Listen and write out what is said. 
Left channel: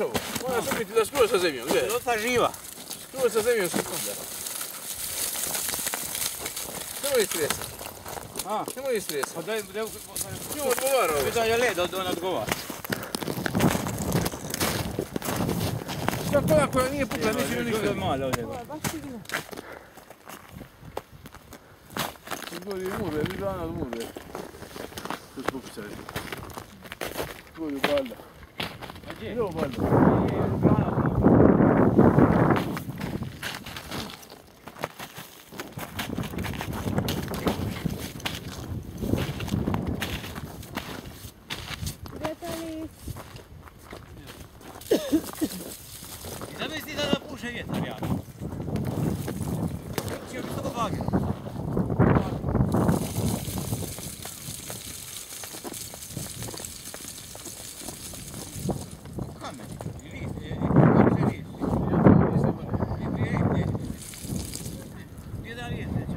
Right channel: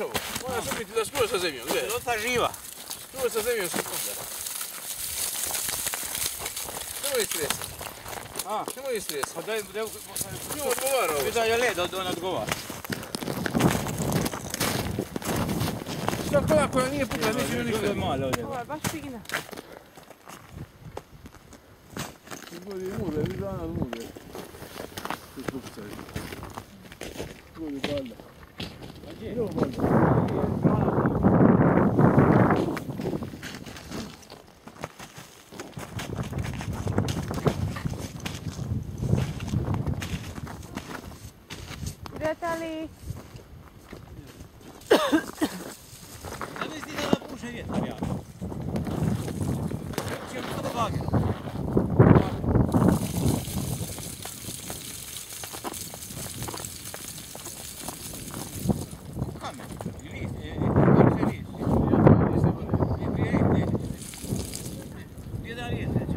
ovo? Moram se biti da skoro sa zemljom, gledaj. Pilota živa. Skoro sa zemljom se kuda. Nemoj istresati. A? Nemoj istresati. Pa daj, Njom odgovara ovo. da je led, on odgovara. Svako ona koja nije pukla, neće mi ništa. Malo ovdje. Ovo je baš fina. Izgodi mure, vidi dana od mure. Tu spukućaj. Izgodi balda. A gdje? Evo balda. Je, grana od mora. Prijatelji. Zamisli da puše vjetar, ja. Čeo bi to do bagera. Kamen, i list, kako se list? Ja to je list ne bude. Nije da list, neće